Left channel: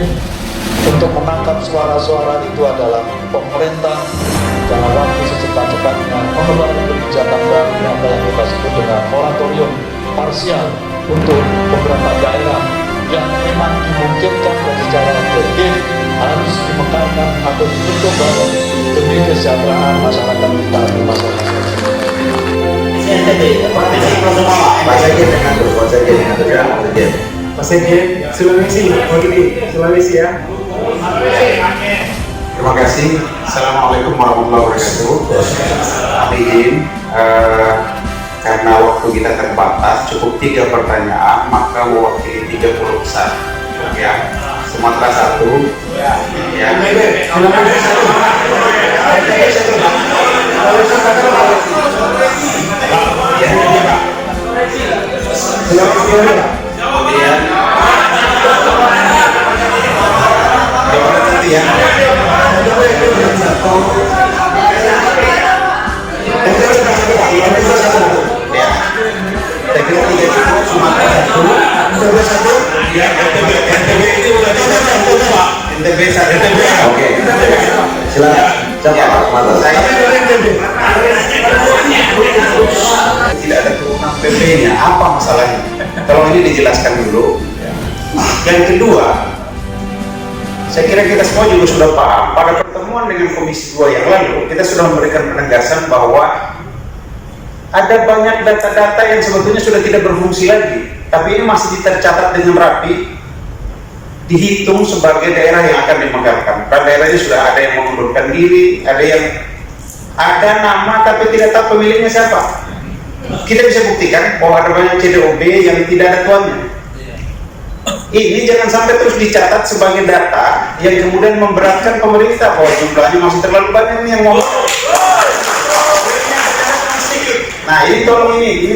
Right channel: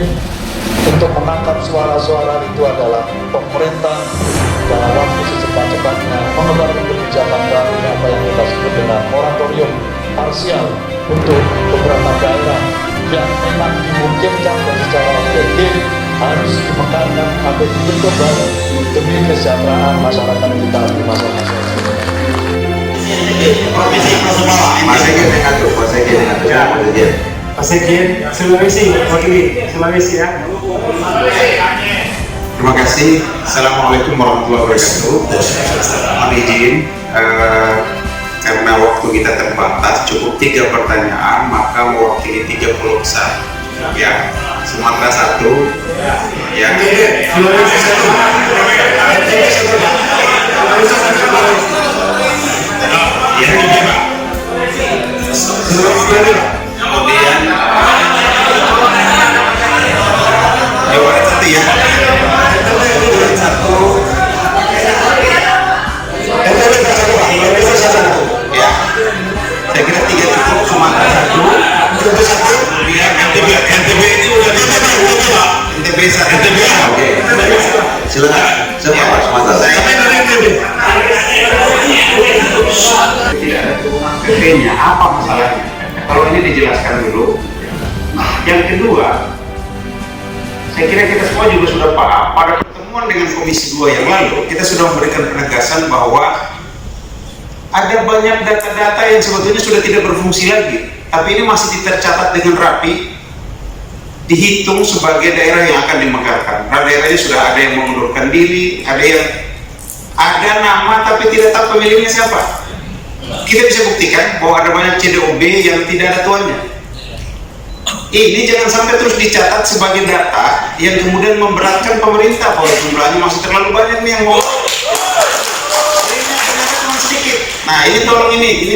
mungkin untuk menangkap suara-suara itu adalah pemerintah dalam waktu secepat-cepatnya mengeluarkan kebijakan baru apa yang kita sebut dengan moratorium parsial untuk beberapa daerah yang memang dimungkinkan dan secara objektif harus dimekarkan atau dibentuk baru demi kesejahteraan masyarakat kita di masa-masa ini. Pak Sekjen, Sulawesi ya. Terima kasih. Assalamualaikum warahmatullahi wabarakatuh. Kami izin karena waktu kita terbatas, cukup 3 pertanyaan, maka mewakili 30 besar. Ya, Sumatera 1. Ya. Kemudian Jawa Barat 1 ya. Ya, saya kira 3 cukup. Sumatera 1. Ya, NTB itu udah NTB 1. Oke. Silakan. Siapa Sumatera? Saya tidak ada turunan PP-nya. Apa masalahnya? Kalau ini dijelaskan dulu. Yang kedua, saya kira kita semua juga sudah paham pada pertemuan dengan Komisi 2 yang lalu kita sudah memberikan penegasan bahwa ada banyak data-data yang sebetulnya sudah tidak berfungsi lagi, tapi ini masih tercatat dengan rapi, dihitung sebagai daerah yang akan dimekarkan. Pada daerahnya sudah ada yang mengundurkan diri, ada nama tapi tidak tahu pemiliknya siapa. Kita bisa buktikan bahwa ada banyak CDOB yang tidak ada tuannya. Ini jangan sampai terus dicatat sebagai data yang kemudian memberatkan pemerintah bahwa jumlahnya masih terlalu banyak nih yang mau. Nah ini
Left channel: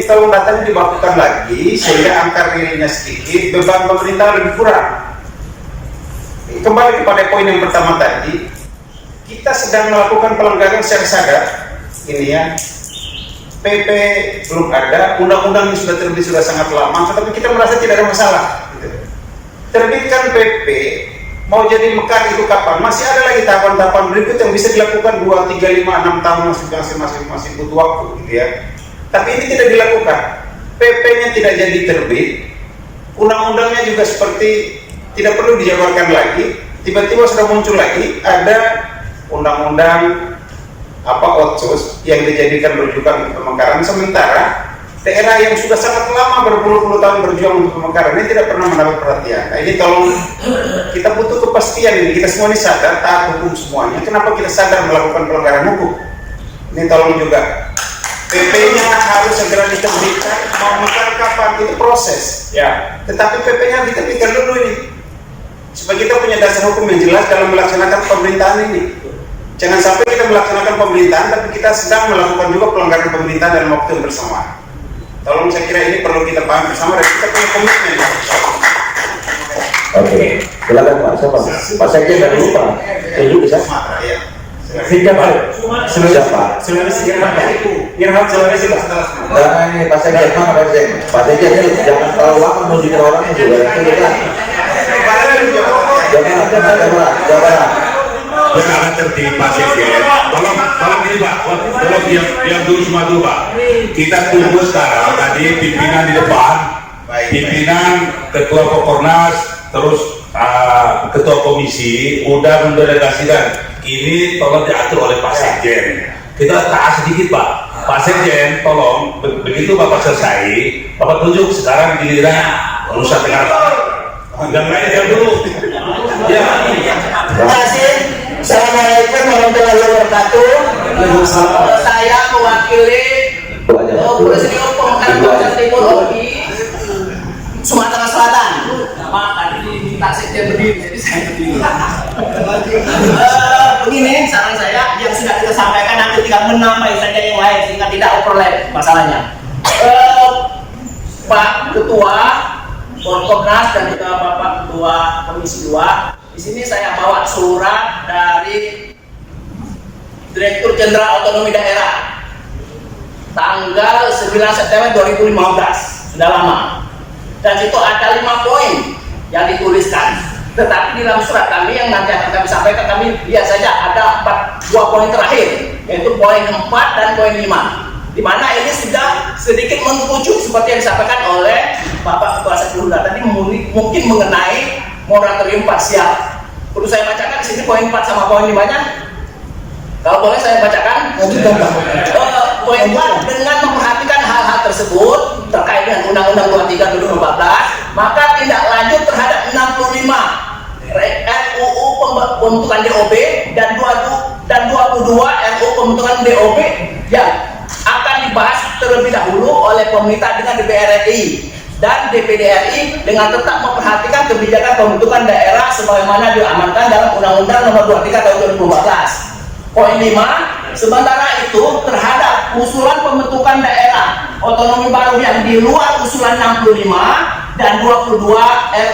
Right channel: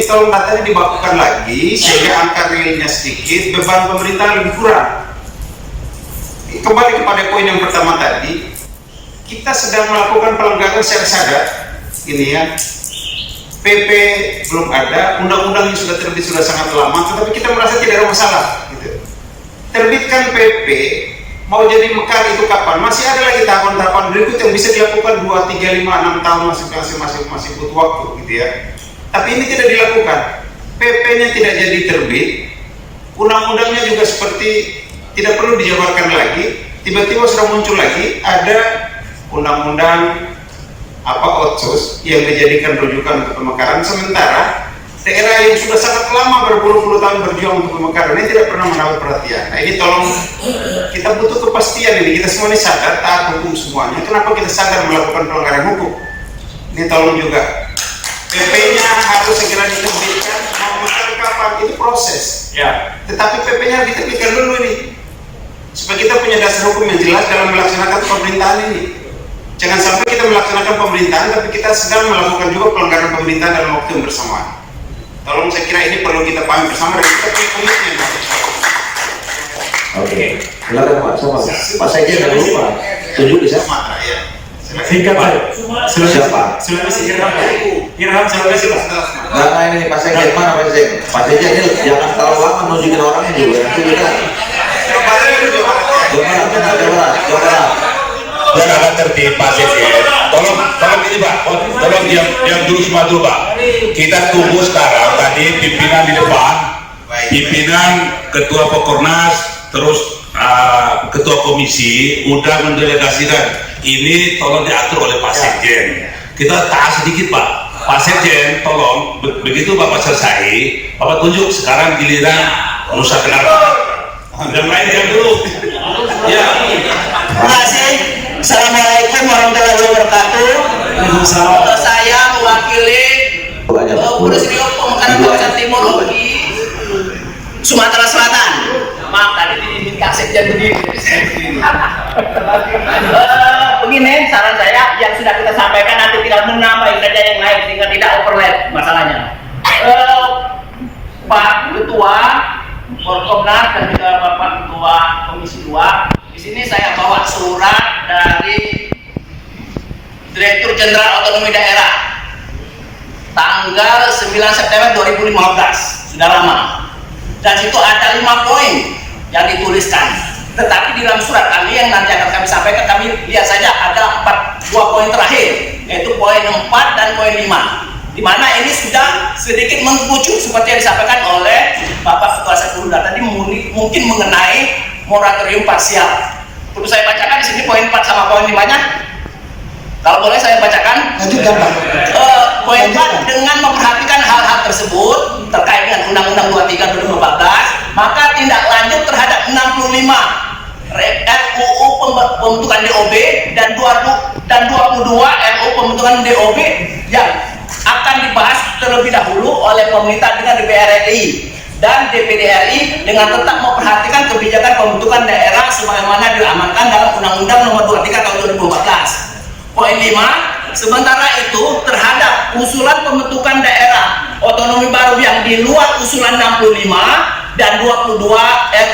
tolong datanya dibakukan lagi sehingga angka realnya sedikit, beban pemerintah lebih kurang. Kembali kepada poin yang pertama tadi, kita sedang melakukan pelanggaran secara sadar. Ini ya, PP belum ada, undang-undangnya sudah terbit sudah sangat lama, tetapi kita merasa tidak ada masalah. Terbitkan PP, mau jadi mekar itu kapan? Masih ada lagi tahapan-tahapan berikut yang bisa dilakukan 2, 3, 5, 6 tahun masih butuh waktu gitu ya. Tapi ini tidak dilakukan. PP-nya tidak jadi terbit, undang-undangnya juga seperti tidak perlu dijabarkan lagi. Tiba-tiba sudah muncul lagi ada undang-undang Otsus yang dijadikan rujukan untuk pemekaran, sementara daerah yang sudah sangat lama berpuluh-puluh tahun berjuang untuk pemekaran ini tidak pernah mendapat perhatian. Nah ini tolong, kita butuh kepastian ini. Kita semua ini sadar, taat hukum semuanya. Kenapa kita sadar melakukan pelanggaran hukum? Ini tolong juga. PP-nya harus segera diterbitkan. Mau mekar kapan? Itu proses. Ya. Tetapi PP-nya diterbitkan dulu ini, supaya kita punya dasar hukum yang jelas dalam melaksanakan pemerintahan ini. Jangan sampai kita melaksanakan pemerintahan, tapi kita sedang melakukan juga pelanggaran pemerintahan dalam waktu yang bersamaan. Tolong, saya kira ini perlu kita pahami bersama dan kita punya komitmen. Oke, silakan Pak. Pak Sekjen dan dulu Pak. Setuju bisa? Ya. Singkat Pak. Siapa? Sulawesi yang harus Sulawesi Pak. Nah ini Pak Sekjen, mana Pak Sekjen? Pak Sekjen ini jangan terlalu lama nunjukin orangnya juga. Itu kita. Jangan. Jangan tertib Pak Sekjen. Tolong ini Pak. Tolong diam dulu semua dulu Pak. Kita tunggu sekarang tadi pimpinan di depan, pimpinan ketua Pokornas, terus ketua komisi udah mendelegasikan ini, tolong diatur oleh Pak Sekjen. Kita taat sedikit Pak. Pak Sekjen, tolong begitu Bapak selesai, Bapak tunjuk sekarang giliran Nusa Tenggara. Dan mainkan dulu. Ya. Terima kasih. Assalamualaikum warahmatullahi wabarakatuh. Saya mewakili Presidium Pemekaran Kawasan Timur di Sumatera Selatan. Maaf tadi diminta sekjen begini. Begini saran saya, yang sudah kita sampaikan nanti tinggal menambah saja yang lain sehingga tidak overlap masalahnya. Pak Ketua Forkomnas dan juga Bapak Ketua Komisi 2. Di sini saya bawa surat dari Direktur Jenderal Otonomi Daerah tanggal 9 September 2015, sudah lama. Dan situ ada 5 poin yang dituliskan. Tetapi di dalam surat kami yang nanti akan kami sampaikan, kami lihat saja ada 2 poin terakhir, yaitu poin 4 dan poin 5, di mana ini sudah sedikit mengkucut seperti yang disampaikan oleh Bapak Ketua Sekunda tadi, mungkin mengenai moratorium parsial. Perlu saya bacakan di sini poin 4 sama poin 5-nya? Kalau boleh saya bacakan. Lanjutkan, Pak. Poin 4, dengan memperhatikan hal-hal tersebut terkait dengan Undang-Undang 23 2014, maka tindak lanjut terhadap 65 RUU pembentukan DOB dan 22 RUU pembentukan DOB yang akan dibahas terlebih dahulu oleh pemerintah dengan DPR RI dan DPD RI dengan tetap memperhatikan kebijakan pembentukan daerah sebagaimana diamankan dalam Undang-Undang Nomor 23 Tahun 2014. Poin 5, sementara itu terhadap usulan pembentukan daerah otonomi baru yang di luar usulan 65 dan 22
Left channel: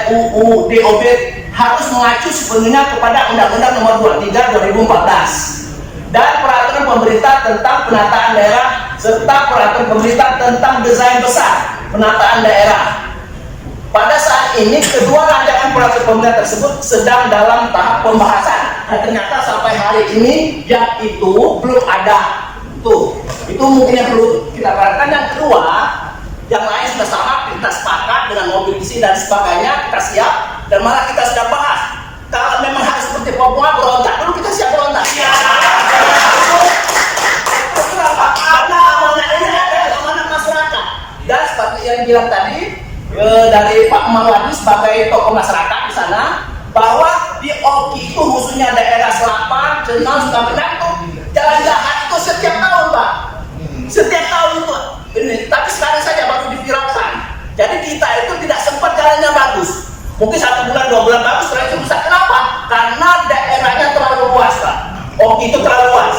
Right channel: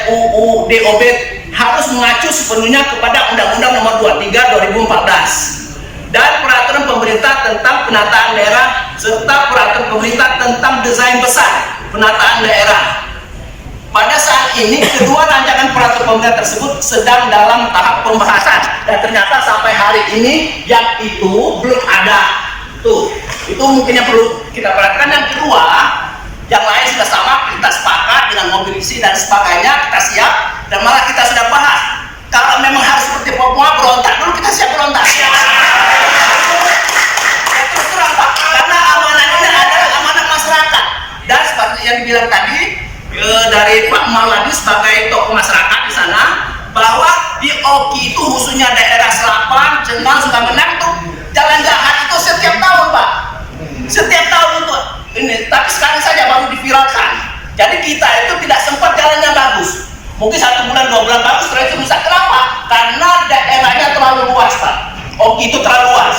RUU DOB harus mengacu sepenuhnya kepada Undang-Undang Nomor 23 2014 dan peraturan pemerintah tentang penataan daerah serta peraturan pemerintah tentang desain besar penataan daerah. Pada saat ini kedua rancangan peraturan pemerintah tersebut sedang dalam tahap pembahasan dan ternyata sampai hari ini yang itu belum ada. Itu mungkin yang perlu kita perhatikan. Yang kedua, yang lain sudah sama, kita sepakat dengan mobil isi dan sebagainya, kita siap dan malah kita sudah bahas. Kalau memang harus seperti Papua berontak dulu, kita siap berontak. Terus terang Pak, karena amanah ini adalah amanah masyarakat dan seperti yang dibilang tadi dari Pak Marwadi sebagai tokoh masyarakat di sana, bahwa di Oki itu khususnya daerah Selapan, Cenang, Sukamenang itu jalan jahat itu setiap tahun Pak, setiap tahun itu ini. Tapi sekarang saja baru diviralkan. Jadi kita itu tidak sempat jalannya bagus. Mungkin 1 bulan 2 bulan bagus, terus rusak. Kenapa? Karena daerahnya terlalu luas Pak. Oki itu terlalu luas.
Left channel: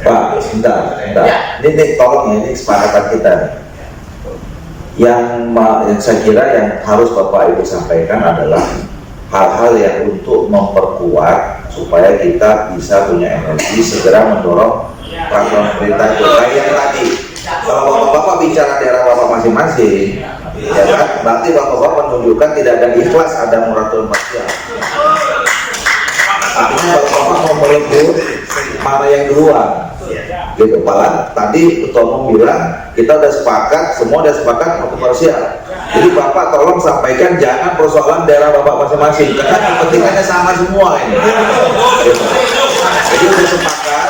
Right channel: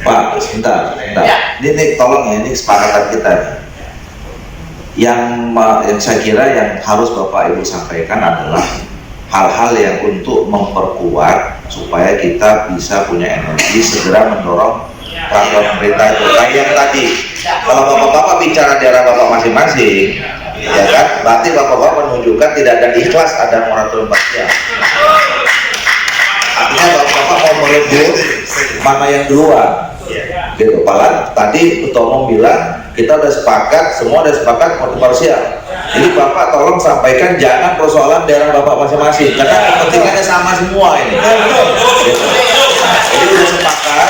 Pak, sebentar. Ya. Ini tolong ya, ini kesepakatan kita nih. Yang saya kira yang harus Bapak Ibu sampaikan adalah hal-hal yang untuk memperkuat supaya kita bisa punya energi segera mendorong peraturan pemerintah itu. Kayak yang tadi, kalau Bapak-Bapak bicara daerah Bapak masing-masing, ya kan, berarti Bapak-Bapak menunjukkan tidak ada ikhlas ada moratorium parsial. Artinya Bapak-Bapak mau merebut mana yang duluan. Gitu, Pak. Tadi Ketua Umum bilang kita udah sepakat, semua udah sepakat mau parsial. Jadi Bapak tolong sampaikan jangan persoalan daerah Bapak masing-masing, karena kepentingannya sama semua ini. Gitu. Jadi udah sepakat,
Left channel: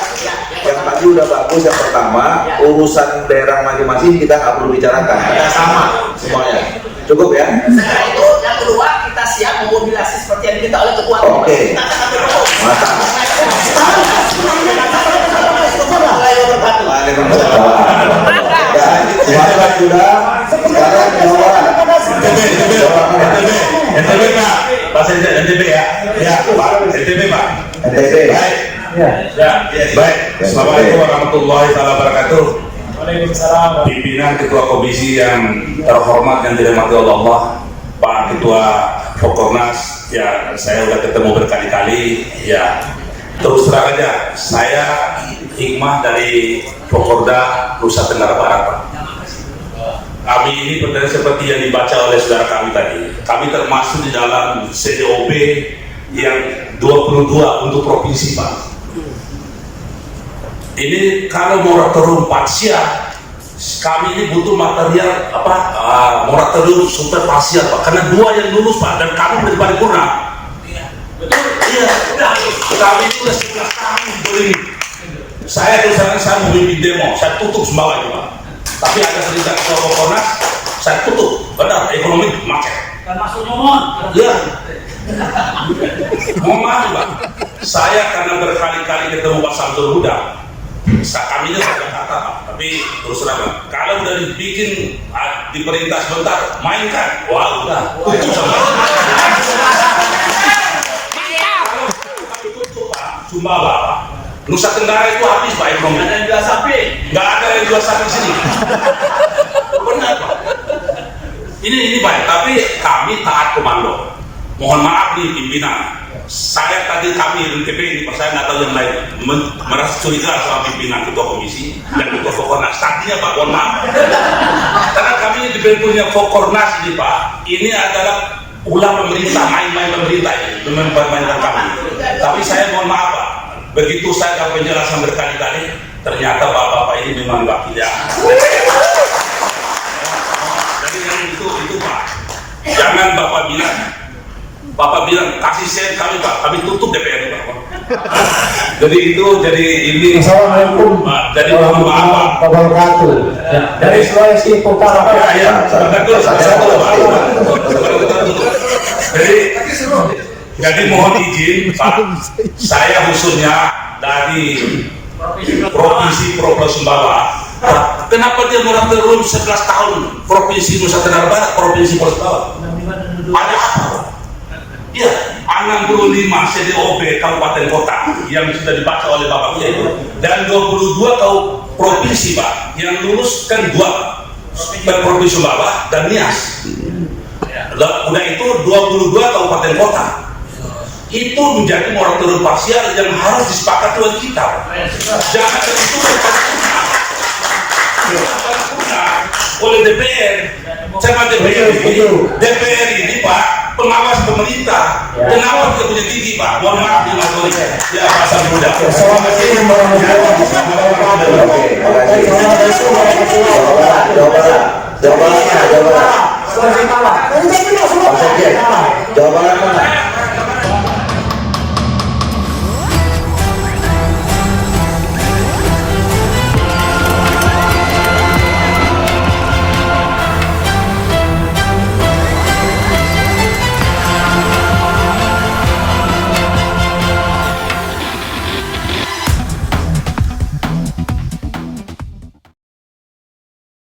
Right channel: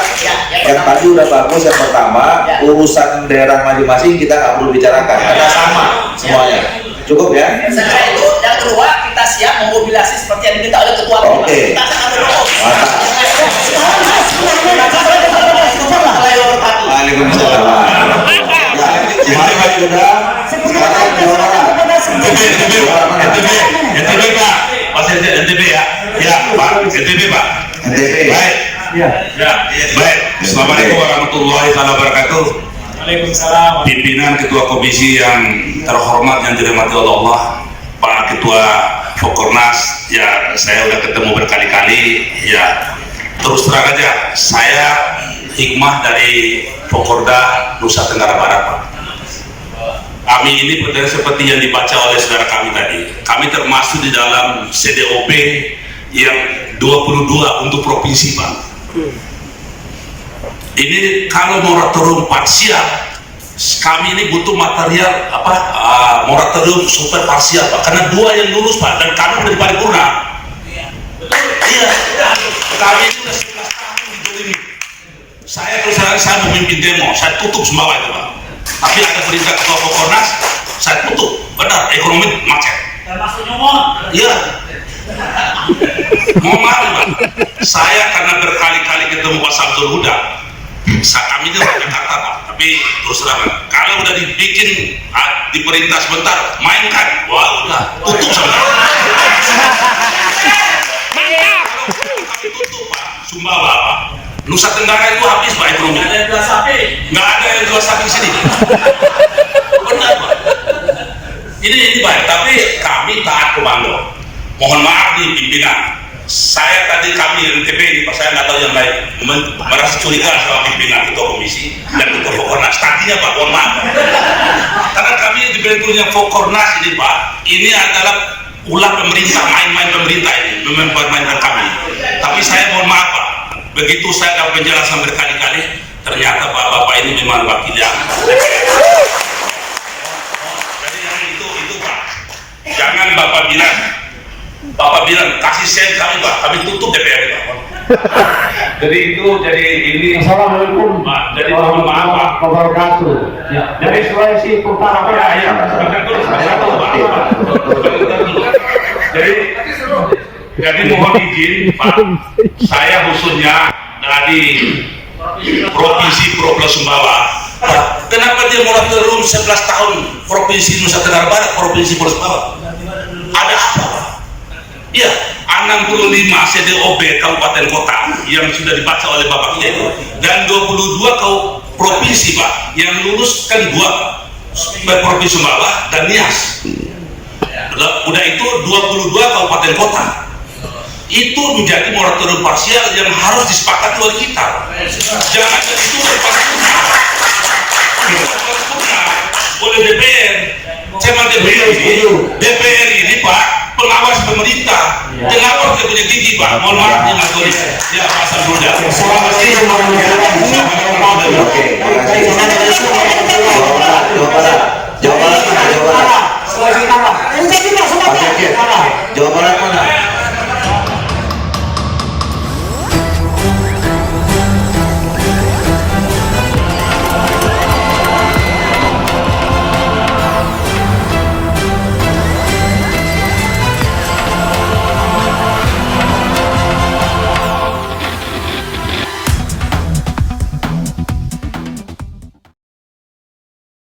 yang tadi udah bagus yang pertama, urusan daerah masing-masing kita nggak perlu bicarakan, karena sama semuanya. Cukup ya? Setelah itu yang kedua kita siap memobilisasi seperti yang diminta oleh Ketua Umum. Oke. Kita akan ambil dulu. Mantap. Silakan sudah. Sekarang NTB Pak, Pak NTB ya, ya Pak, NTB Pak. NTB. Baik, Ya. ya, baik. Assalamualaikum warahmatullahi wabarakatuh. Waalaikumsalam. Pimpinan Ketua Komisi yang terhormat yang dirahmati Allah, Pak Ketua Fokornas, ya saya udah ketemu berkali-kali, ya terus terang aja, saya hikmah dari Fokorda Nusa Tenggara Barat Pak. Kami ini seperti yang dibaca oleh saudara kami tadi, kami termasuk di dalam CDOB yang 22 untuk provinsi Pak. Ini kalau moratorium parsial, kami ini butuh material moratorium super parsial Pak, karena 2 yang lulus Pak, dan kami belum paripurna. Iya, kami itu 11 tahun ini. Saya terus terang saya memimpin demo, saya tutup semua itu Pak. Tapi ada perintah Ketua Fokornas, saya tutup, benar, ekonomi macet. Termasuk nyomot. Iya. Mohon maaf Pak, saya karena berkali-kali ketemu Pak Samsul Huda, kami ini orang Jakarta Pak, tapi terus terang, kalau udah dibikin diperintah sebentar, mainkan, wah udah, tutup sebentar. Mantap. Kami tutup Pak, Sumbawa Pak. Nusa Tenggara itu habis Pak ekonomi. Ada yang jual sapi. Nggak ada yang jual sapi di sini. Benar Pak. Ini baik, tapi kami taat komando. Mohon maaf nih pimpinan. Saya tadi kami NTB ini, saya nggak tahu yang lain, merasa curiga sama pimpinan Ketua Komisi dan Ketua Fokornas. Tadinya Pak, mohon maaf. Karena kami dibentuknya Fokornas ini Pak, ini adalah ulah pemerintah, main-main pemerintah ini mempermainkan kami. Tapi saya mohon maaf Pak, begitu saya dapat penjelasan berkali-kali, ternyata bapak-bapak ini memang wakil yang. Jadi yang itu Pak, jangan bapak bilang kasih sen kami Pak, kami tutup DPR Pak. Jadi ini. Assalamualaikum. Jadi mohon maaf Pak. Wabarakatuh. Ya, dari Sulawesi Utara Pak. Jadi mohon izin Pak, saya khususnya dari Provinsi Pulau Sumbawa. Kenapa dia moratorium 11 tahun Provinsi Nusa Tenggara Barat, Provinsi Pulau Sumbawa? Ada apa Pak? Iya, 65 CDOB kabupaten kota yang sudah dibaca oleh Bapak Ketua dan 22 provinsi Pak yang lulus kan 2 Provinsi Sumbawa dan Nias. Udah itu 22 kabupaten kota. Itu menjadi moratorium parsial yang harus disepakati oleh kita. Jangan itu berpakaian oleh DPR. Sama DPR ini Pak pengawas pemerintah. Kenapa kita punya tinggi Pak? Mohon maaf nih Mas Doni. Ya Pak Samudra. Oke, terima kasih. Jawa Barat.